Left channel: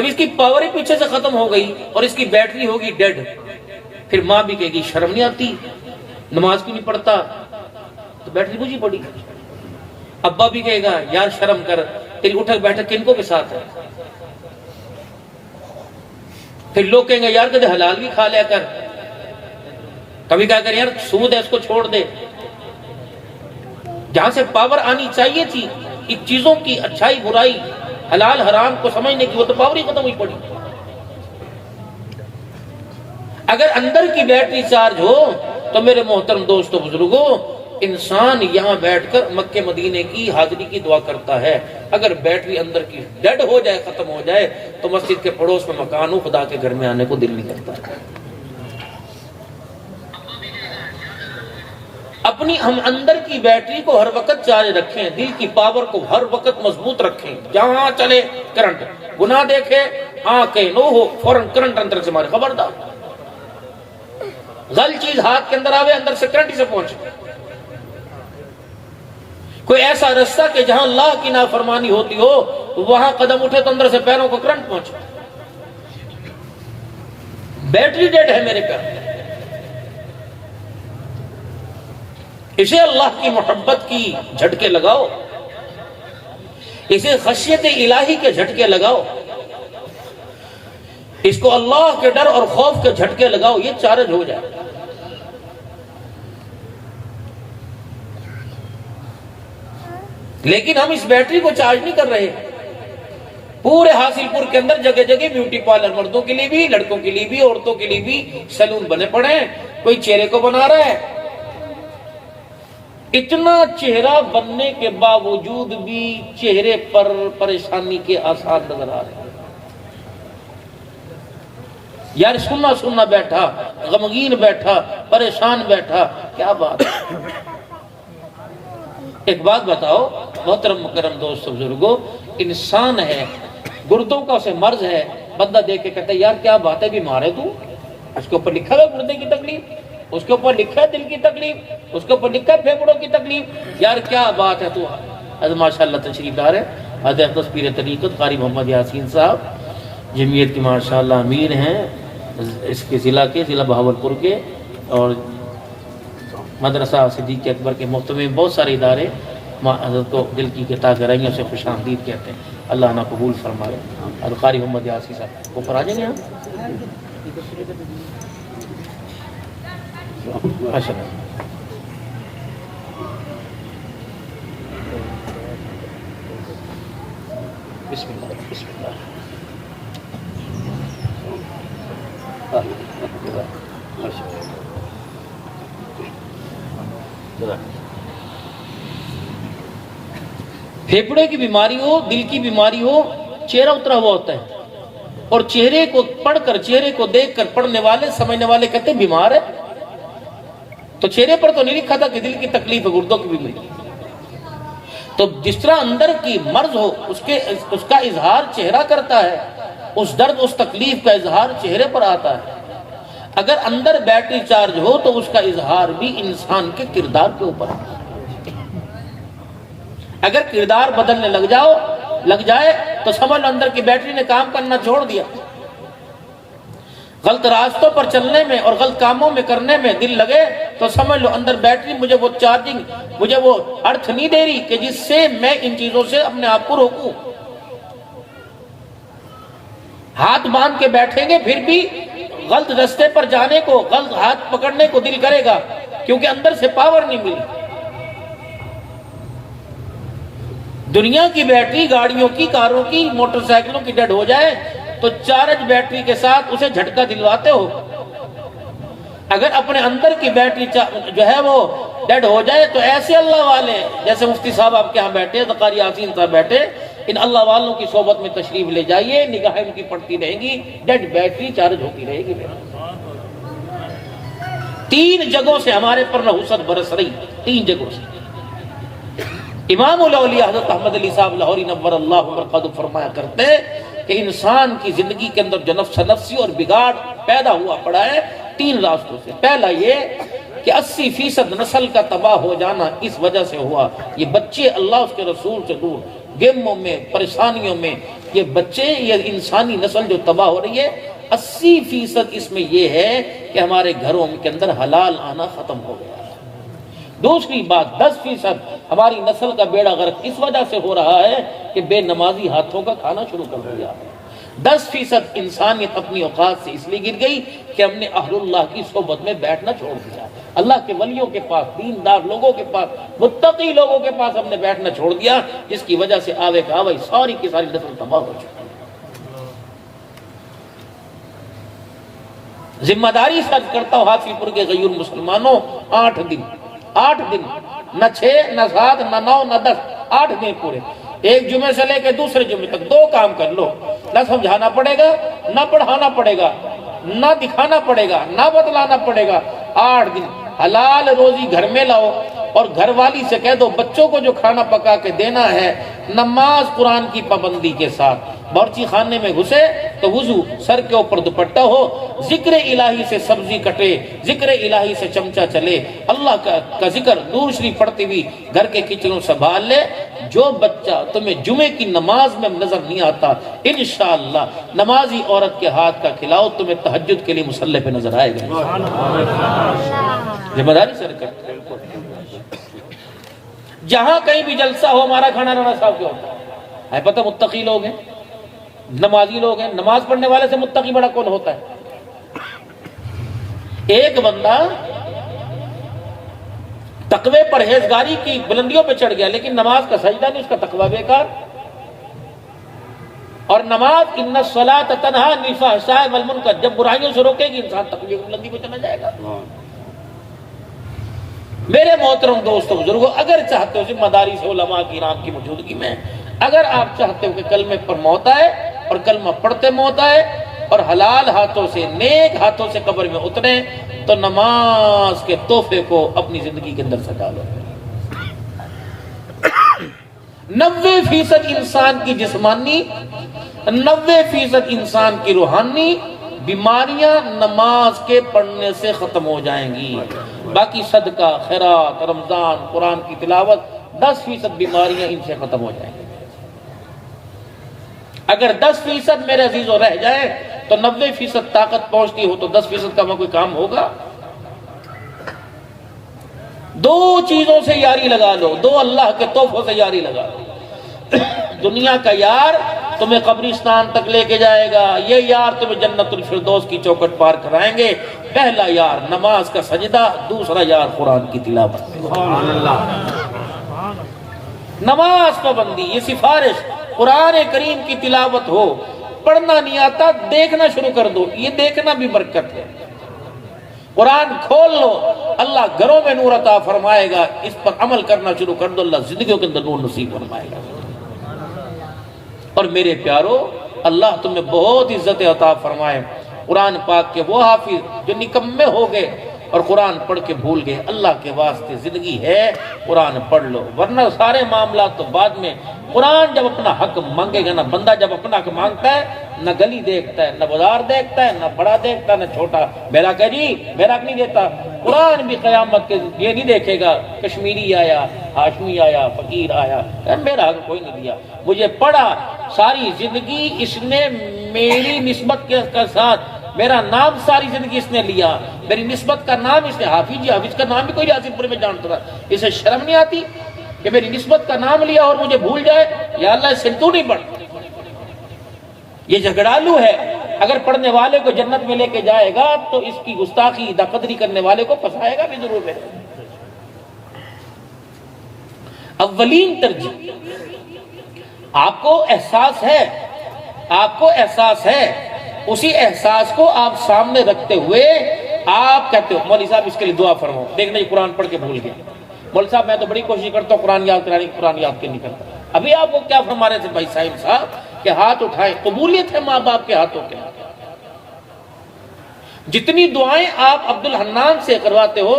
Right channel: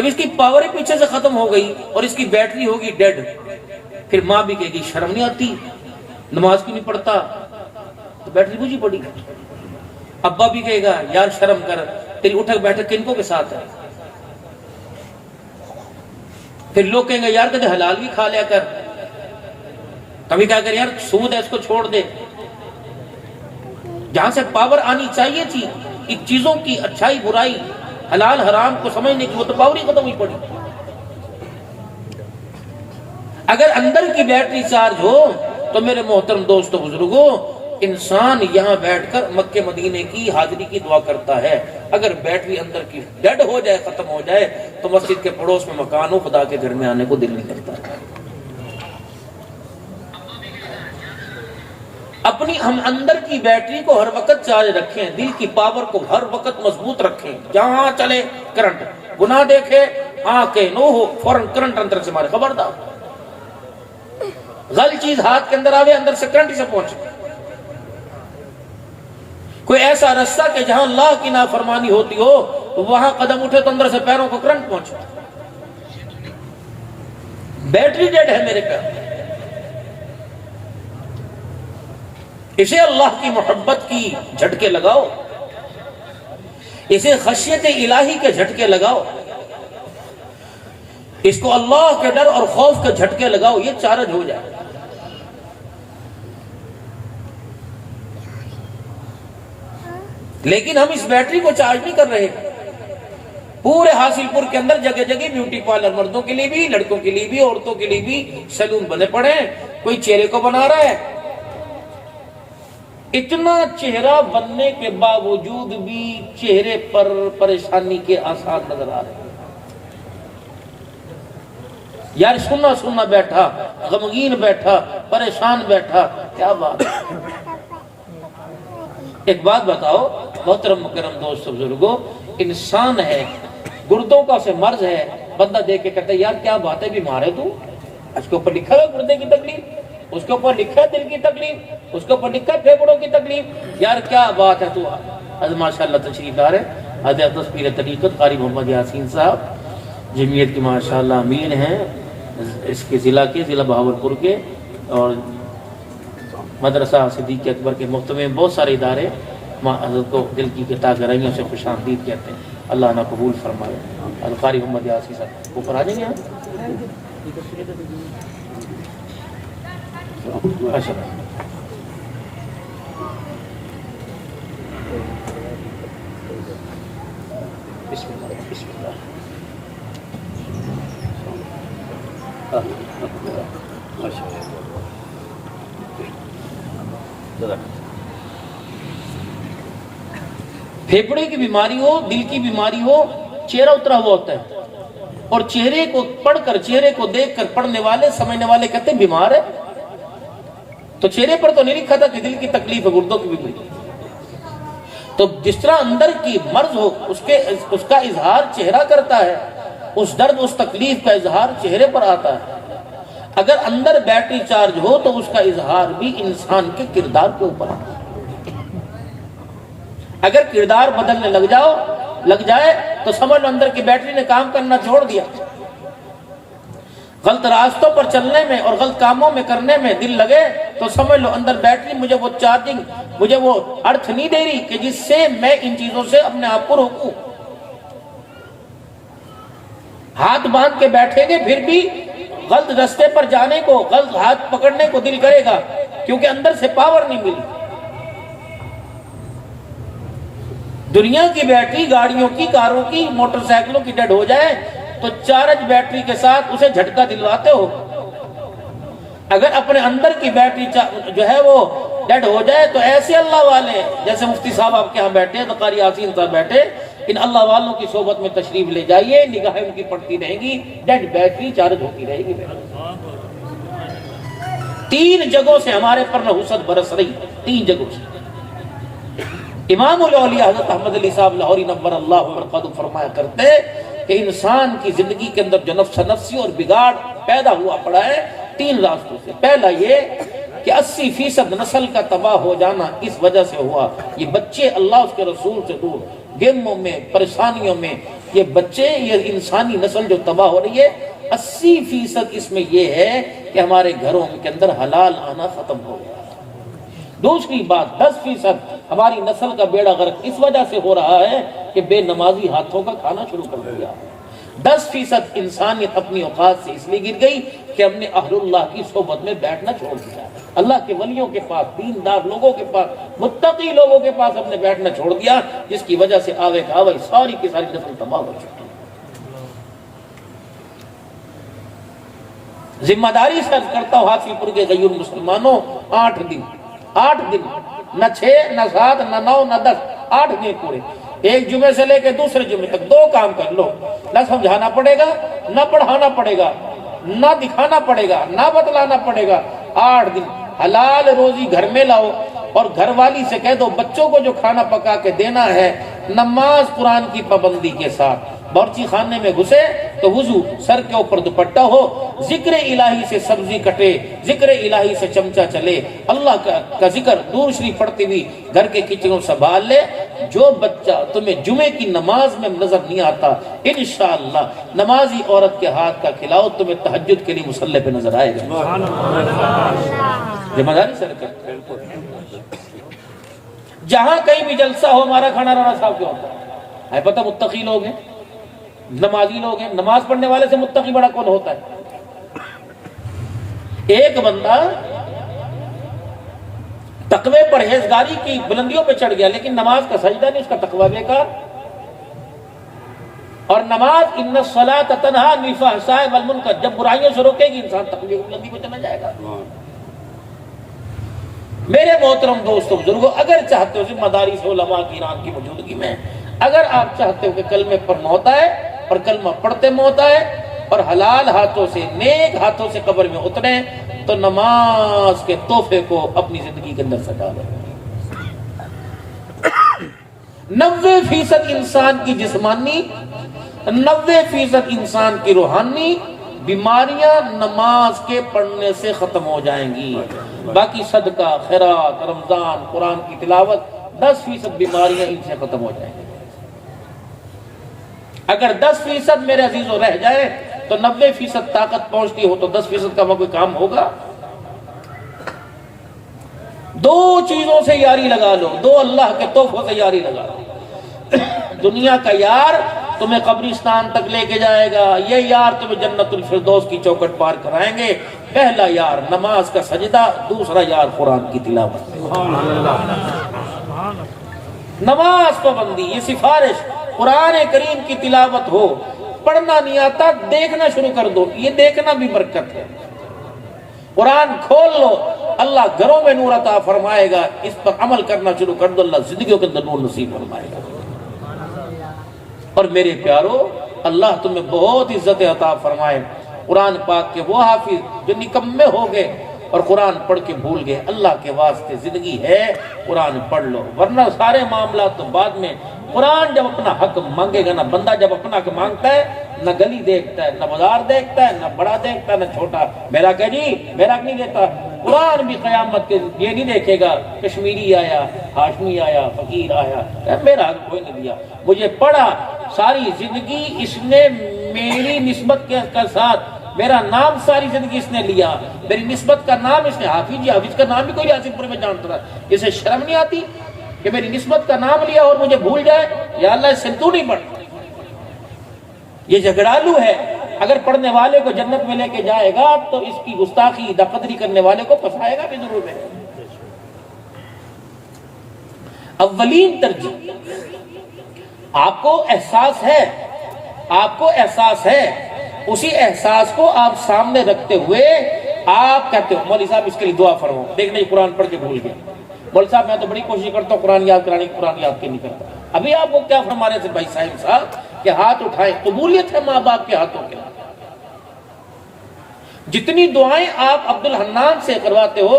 جب اس کی پاور ہی پیچھے سے ختم ہو گئی اور اس کی بیٹری ہوگی ڈیڈ، پھر ماں بھی کہے گی شرم نہیں آتی، نماز کیوں نہیں پڑھتا، تو بیٹری بجھی پڑی۔ ابا بھی کہے گا یار شرم کر، تیری اٹھک بیٹھک کنکوں کے ساتھ ہے۔ پھر لوگ کہیں گے یار کدے حلال بھی کھا لیا کر، کبھی کہا کر یار سود ہے اس کو چھوڑ دے۔ جہاں سے پاور آنی چاہیے تھی ان چیزوں کی اچھائی برائی حلال حرام کو سمجھنے کی، وہ تو پاور ہی ختم ہوئی پڑی۔ اگر اندر کی بیٹری چارج ہو تو میرے محترم دوستو بزرگوں، انسان یہاں بیٹھ کر مکے مدینے کی حاضری کی دعا کرتا ہے۔ اگر بیٹری اندر کی ڈیڈ ہو جائے، ختم ہو جائے، تو مسجد کے پڑوس میں مکان ہو، خدا کے گھر میں آنے کو دل نہیں کرتا۔ اپنی ہم اندر کی بیٹری کو ہر وقت چارج رکھیں، دل کی پاور کو ہر وقت مضبوط رکھیں۔ جہاں چلے کرنٹ، گناہ دیکھے آنکھیں نو ہو فوراً کرنٹ اندر سے مارے، خبردار۔ غلط چیز ہاتھ کے اندر آوے، اندر سے کرنٹ سے پہنچے۔ کوئی ایسا رستہ کہ جہاں اللہ کی نافرمانی ہوتی ہو تو وہاں قدم اٹھے تو اندر سے پیروں کو کرنٹ پہنچے۔ بیٹری ڈیڈ ہے میرے پیر۔ اسے اللہ کی محبت کی جھٹکے لگاؤ، اسے خشیت الہی کے جھٹکے لگاؤ، اس کو اللہ کے ڈر اور خوف کے جھٹکے لگاؤ، یہ چارج ہو جائے۔ لیکن ہم اس بیٹری کو چارج نہیں کر رہے۔ پورے حاصل پور کے اندر جگہ جگہ بیوٹی پارلر، مردوں کے لیے بھی، لڑکوں کے لیے بھی، عورتوں کے لیے بھی سیلون بنے پڑے ہیں۔ کوئی چہرے کو بنا رہا ہے، اتنا چہرہ بننے کے باوجود بھی چہرے پر پریشانی کے آثار نظر آ رہے ہیں۔ یار سننا سننا بیٹھا، غمگین بیٹھا، پریشان بیٹھا، کیا بات ہے۔ ایک بات بتاؤ محترم مکرم دوست بزرگوں، انسان ہے، گردوں کا اسے مرض ہے، بندہ دیکھ کے کہتا ہے یار کیا بات ہے، بیمار ہے تو، اس کے اوپر لکھا ہے گردے کی تکلیف، اس کے اوپر لکھا ہے دل کی تکلیف، اس کے اوپر لکھا ہے پھیپھڑوں کی تکلیف، یار کیا بات ہے تو۔ حضرت ماشاءاللہ تشریف لا رہے حضرت اقدس پیر طریقت قاری محمد یاسین صاحب، جمعیت کی ماشاءاللہ امیر ہیں اس کے ضلع بہاولپور کے، اور مدرسہ صدیق اکبر کے محتمم بہت سارے ادارے حضرت کو دل کی عطا کریں گے، اسے خوش آمدید کہتے ہیں۔ اللہ نہ قبول فرمائے۔ حضرت قاری محمد یاسین صاحب اوپر آ جائیں گے آپ۔ بسم اللہ بسم اللہ۔ پھیپھڑے کی بیماری ہو، دل کی بیماری ہو، چہرہ اترا ہوا ہوتا ہے، اور چہرے کو پڑھ کر، چہرے کو دیکھ کر پڑھنے والے سمجھنے والے کہتے ہیں بیمار ہے، تو چہرے پر تو نہیں لکھا تھا کہ دل کی تکلیف ہے، گردوں کی بیماری۔ تو جس طرح اندر کی مرض ہو اس کا اظہار چہرہ کرتا ہے، اس درد اس تکلیف کا اظہار چہرے پر آتا ہے۔ اگر اندر بیٹری چارج ہو تو اس کا اظہار بھی انسان کے کردار کے اوپر ہے۔ اگر کردار بدلنے لگ جائے تو سمجھ لو اندر کی بیٹری نے کام کرنا چھوڑ دیا۔ غلط راستوں پر چلنے میں اور غلط کاموں میں کرنے میں دل لگے تو سمجھ لو اندر بیٹری مجھے وہ چارجنگ، مجھے وہ ارتھ نہیں دے رہی کہ جس سے میں ان چیزوں سے اپنے آپ کو روکوں۔ ہاتھ باندھ کے بیٹھیں گے پھر بھی غلط راستے پر جانے کو، غلط ہاتھ پکڑنے کو دل کرے گا، کیونکہ اندر سے پاور نہیں ملی۔ دنیا کی بیٹری گاڑیوں کی، کاروں کی، موٹر سائیکلوں کی ڈیڈ ہو جائے تو چارج بیٹری کے ساتھ اسے جھٹکا دلواتے ہو۔ اگر اپنے اندر کی بیٹری جو ہے وہ ڈیڈ ہو جائے تو ایسے اللہ والے، جیسے مفتی صاحب آپ کے ہاں بیٹھے، قاری یاسین صاحب بیٹھے، ان اللہ والوں کی صحبت میں تشریف لے جائیے، نگاہیں ان کی پڑتی رہیں گی، ڈیڈ بیٹری چارج ہوتی رہے گی۔ 3 جگہوں سے ہمارے پر نحوست برس رہی، 3 جگہوں سے۔ امام الاولیاء حضرت احمد علی صاحب لاہوری نور اللہ مرقدہ فرمایا کرتے کہ انسان کی زندگی کے اندر جو نفسی اور بگاڑ پیدا ہوا پڑا ہے 3 راستوں سے۔ پہلا یہ کہ 80% نسل کا تباہ ہو جانا اس وجہ سے ہوا، یہ بچے اللہ اس کے رسول سے دور، گیموں میں، پریشانیوں میں، یہ بچے، یہ انسانی نسل جو تباہ ہو رہی ہے، 80% اس میں یہ ہے کہ ہمارے گھروں کے اندر حلال آنا ختم ہو گیا ہے۔ دوسری بات، 10% ہماری نسل کا بیڑا غرق اس وجہ سے ہو رہا ہے کہ بے نمازی ہاتھوں کا کھانا شروع کر دیا۔ 10% انسانیت اپنی اوقات سے اس لیے گر گئی کہ ہم نے اہل اللہ کی صحبت میں بیٹھنا چھوڑ دیا، اللہ کے ولیوں کے پاس، دیندار لوگوں کے پاس، متقی لوگوں کے پاس ہم نے بیٹھنا چھوڑ دیا، جس کی وجہ سے آوے کا آوے ساری کی ساری نسل تباہ ہو چکی ہے۔ ذمہ داری سے عرض کرتا ہوں حاصل پور کے غیور مسلمانوں، 8 دن، نہ 6 نہ 7 نہ 9 نہ 10، 8 دن پورے، ایک جمعے سے لے کے دوسرے جمعے تک 2 کام کر لو، نہ سمجھانا پڑے گا، نہ پڑھانا پڑے گا، نہ دکھانا پڑے گا، نہ بتلانا پڑے گا۔ 8 دن حلال روزی گھر میں لاؤ، اور گھر والی سے کہہ دو بچوں کو جو کھانا پکا کے دینا ہے نماز قرآن کی پابندی کے ساتھ، باورچی خانے میں گھسے تو وضو، سر کے اوپر دوپٹہ ہو، ذکر الہی سے سبزی کٹے، ذکر الہی سے چمچہ چلے، اللہ کا ذکر دور شریف پڑھتی ہوئی گھر کے کچنوں سنبھال لے۔ جو بچہ تمہیں جمعے کی نماز میں نظر نہیں آتا، انشاءاللہ نمازی عورت کے ہاتھ کا کھلاؤ، تمہیں تہجد کے لیے مصلی پہ نظر آئے گا۔ ذمہ داری سر کرتے جہاں کہیں بھی جلسہ ہو، ہمارا کھانا رانا صاحب کیا ہوتا ہے پتہ، متقی لوگ ہیں، نمازی لوگ ہیں، نماز پڑھنے والے سے متقی بڑا کون ہوتا ہے؟ ایک بندہ تقوی پرہیزگاری کی بلندیوں پہ چڑھ گیا لیکن نماز کا سجدہ نہیں، اس کا تقوی بیکار۔ اور نماز ان الصلاۃ تنہی عن الفحشاء والمنکر، جب برائیوں سے روکے گی انسان تقوی کی بلندی پہ چلا جائے گا۔ میرے محترم دوستو بزرگوں، اگر چاہتے ہو ذمہ داری سے علماء کرام کی موجودگی میں، اگر آپ چاہتے ہو کہ کلمے پر موت آئے اور کلمہ پڑھتے موت آئے اور حلال ہاتھوں سے، نیک ہاتھوں سے قبر میں اتریں، تو نماز کے تحفے کو اپنی زندگی کے اندر سجا لو۔ 90% انسان کی جسمانی، 90% انسان کی روحانی بیماریاں نماز کے پڑھنے سے ختم ہو جائیں گی۔ باقی صدقہ، خیرات، رمضان، قرآن کی تلاوت، 10% بیماریاں ان سے ختم ہو جائیں گی۔ اگر 10% میرے عزیزوں رہ جائے تو 90% طاقت پہنچتی ہو تو 10% کا کوئی کام ہوگا؟ 2 چیزوں سے یاری لگا لو، 2 اللہ کے تحفوں سے یاری لگا لو۔ دنیا کا یار تمہیں قبرستان تک لے کے جائے گا، یہ یار تمہیں جنت الفردوس کی چوکٹ پار کرائیں گے۔ پہلا یار نماز کا سجدہ، دوسرا یار قرآن کی تلاوت۔ نماز پابندی، یہ سفارش، قرآن کریم کی تلاوت ہو، پڑھنا نہیں آتا دیکھنا شروع کر دو، یہ دیکھنا بھی برکت ہے۔ قرآن کھول لو، اللہ گھروں میں نور عطا فرمائے گا، اس پر عمل کرنا شروع کر دو، اللہ زندگیوں کے اندر نور نصیب فرمائے گا۔ اور میرے پیارو، اللہ تمہیں بہت عزت عطا فرمائے۔ قرآن پاک کے وہ حافظ جو نکمے ہو گئے اور قرآن پڑھ کے بھول گئے، اللہ کے واسطے زندگی ہے قرآن پڑھ لو، ورنہ سارے معاملات تو بعد میں۔ قرآن جب اپنا حق مانگے گا نا، بندہ جب اپنا حق مانگتا ہے، نہ گلی دیکھتا ہے، نہ بازار دیکھتا ہے، نہ بڑا دیکھتا ہے، نہ چھوٹا، میرا کہ جی میرا نہیں دیتا۔ قرآن بھی قیامت کے یہ نہیں دیکھے گا کشمیری آیا، ہاشمی آیا، فقیر آیا، میرا حق کوئی نہیں دیا، مجھے پڑھا ساری زندگی اس نے میری نسبت کے ساتھ، میرا نام ساری زندگی اس نے لیا، میری نسبت کا نام اس نے حافظ، حافظ کا نام بھی کوئی حاصل پور میں جانتا تھا، اسے شرم نہیں آتی کہ میری نسبت کا نام لیا اور مجھے بھول جائے؟ یا اللہ اس سے تو نہیں پڑھ، یہ جھگڑالو ہے۔ اگر پڑھنے والے کو جنت میں لے کے جائے گا تو اس کی گستاخی داقدری کرنے والے کو پھنسائے گا بھی ضرور ہے۔ اولین ترجیح، آپ کو احساس ہے، آپ کو احساس ہے، اسی احساس کو آپ سامنے رکھتے ہوئے آپ کہتے ہو مولوی صاحب اس کے لیے دعا فرماؤ، دیکھنا یہ قرآن پڑھ کے بھول گیا، مولوی صاحب میں تو بڑی کوشش کرتا ہوں قرآن یاد کرانے کی، قرآن یاد کے نہیں کرتا۔ ابھی آپ کو کیا فرما رہے تھے بھائی صاحب کہ ہاتھ اٹھائیں، قبولیت ہے ماں باپ کے ہاتھوں کے۔ جتنی دعائیں آپ عبد الحنان سے کرواتے ہو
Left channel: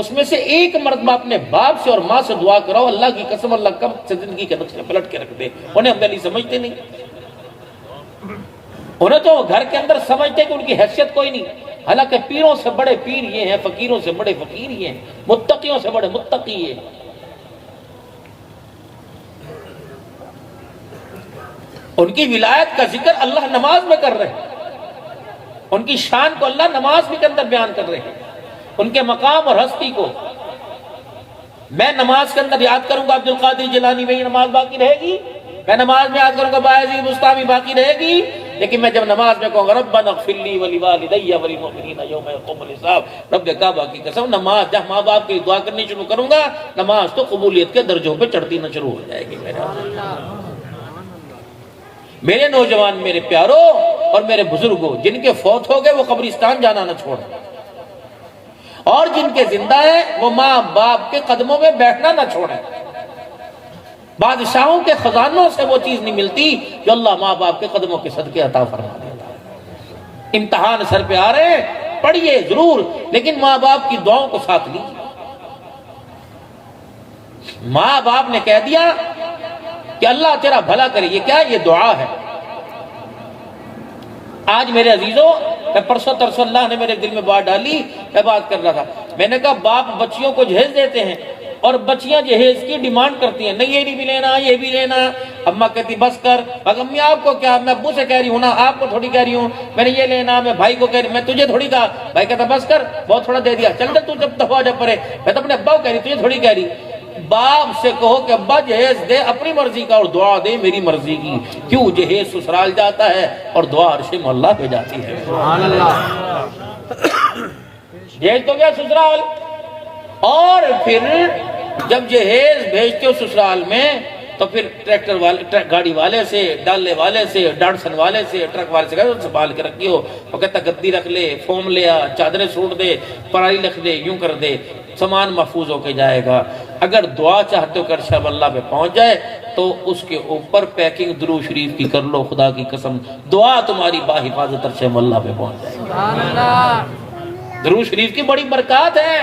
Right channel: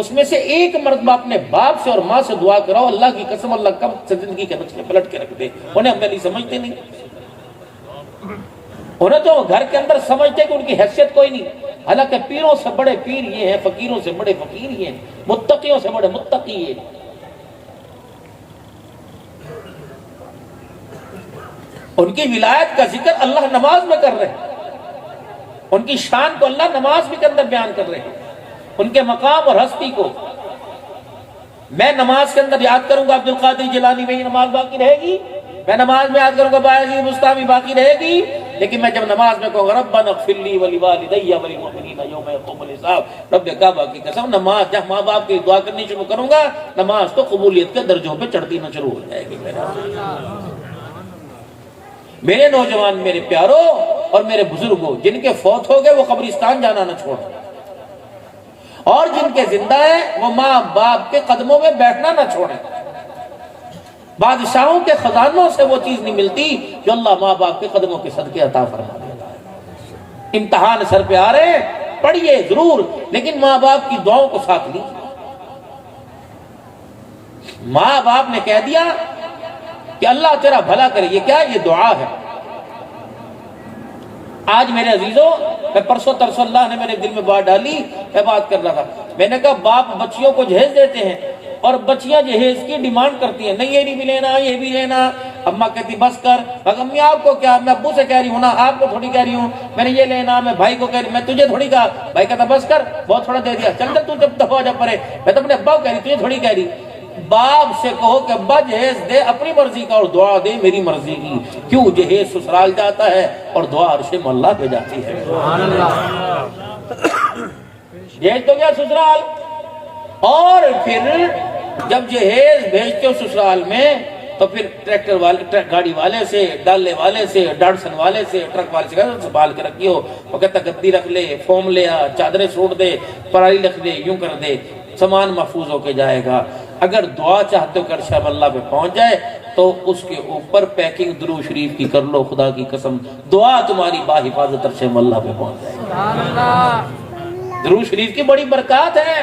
اس میں سے ایک مرتبہ اپنے باپ سے اور ماں سے دعا کراؤ، اللہ کی قسم اللہ کم سے زندگی کے نقشے پلٹ کے رکھ دے۔ انہیں ہم پہلے سمجھتے نہیں، انہیں تو گھر کے اندر سمجھتے کہ ان کی حیثیت کوئی نہیں، حالانکہ پیروں سے بڑے پیر یہ ہیں، فقیروں سے بڑے فقیر یہ ہیں، متقیوں سے بڑے متقی یہ۔ ان کی ولایت کا ذکر اللہ نماز میں کر رہے ہیں، ان کی شان کو اللہ نماز کے اندر بیان کر رہے ہیں، ان کے مقام اور ہستی کو میں نماز کے اندر یاد کروں گا عبد القادر جیلانی، میں یہ نماز باقی رہے گی، میں نماز میں یاد کروں گا بایزید بستامی، باقی رہے گی، لیکن میں جب نماز میں کہوں گا ربنا اغفر لی ولوالدی وللمؤمنین یوم یقوم الحساب، رب کعبہ کی قسم نماز جب ماں باپ کی دعا کرنی شروع کروں گا، نماز تو قبولیت کے درجوں پہ چڑھتی نہ شروع ہو جائے گی۔ میرے نوجوان، میرے پیاروں اور میرے بزرگوں، جن کے فوت ہو گئے وہ قبرستان جانا نہ چھوڑیں، اور جن کے زندہ ہیں وہ ماں باپ کے قدموں میں بیٹھنا نہ چھوڑیں۔ بادشاہوں کے خزانوں سے وہ چیز نہیں ملتی جو اللہ ماں باپ کے قدموں کے صدقے عطا فرما دیتا ہے۔ امتحان سر پہ آ رہے ہیں، پڑھیے ضرور، لیکن ماں باپ کی دعاؤں کو ساتھ لیجیے۔ ماں باپ نے کہہ دیا کہ اللہ تیرا بھلا کرے، یہ کیا؟ یہ دعا ہے۔ آج میرے عزیزوں، میں پرسوں ترسوں اللہ نے میرے دل میں بات ڈالی، میں بات کر رہا تھا، میں نے کہا باپ بچیوں کو جہیز دیتے ہیں اور بچیاں جہیز کی ڈیمانڈ کرتی ہیں، نہیں یہ نہیں بھی لینا، یہ بھی لینا۔ اماں کہتی بس کر، امی آپ کو کیا، میں ابو سے کہہ رہی ہوں نا، آپ کو تھوڑی کہہ رہی ہوں، میں نے یہ لینا، میں بھائی کو کہہ رہی ہوں، میں تجھے تھوڑی کہا، بھائی کہتا بس کر، بہت تھوڑا دے دیا، چل تو جب دفعہ جب پڑے، میں تو اپنے ابا کو کہہ رہی، تجھے تھوڑی کہہ رہی۔ باپ سے کہو کہ ابا جہیز دے اپنی مرضی کا اور دعا دے میری مرضی کی، کیوں جہیز سسرال جاتا ہے اور دعا عرش مولا پہ جاتی ہے۔ جہیز تو کیا سسرال، اور پھر جب جہیز بھیجتے ہو سسرال میں تو پھر ٹریکٹر والے، گاڑی والے سے، ڈالے والے سے، ڈاڑسن والے سے، ٹرک والے سے سنبھال کے رکھی ہو، وہ کہتا گدی رکھ لے، فوم لے آ، چادریں سوٹ دے، پرائی رکھ دے، یوں کر دے، سامان محفوظ ہو کے جائے گا۔ اگر دعا چاہتے ہو کہ عرش اللہ پہ پہنچ جائے تو اس کے اوپر پیکنگ درود شریف کی کر لو، خدا کی قسم دعا تمہاری باحفاظت عرش اللہ پہ پہنچ جائے گی۔ درود شریف کی بڑی برکات ہے۔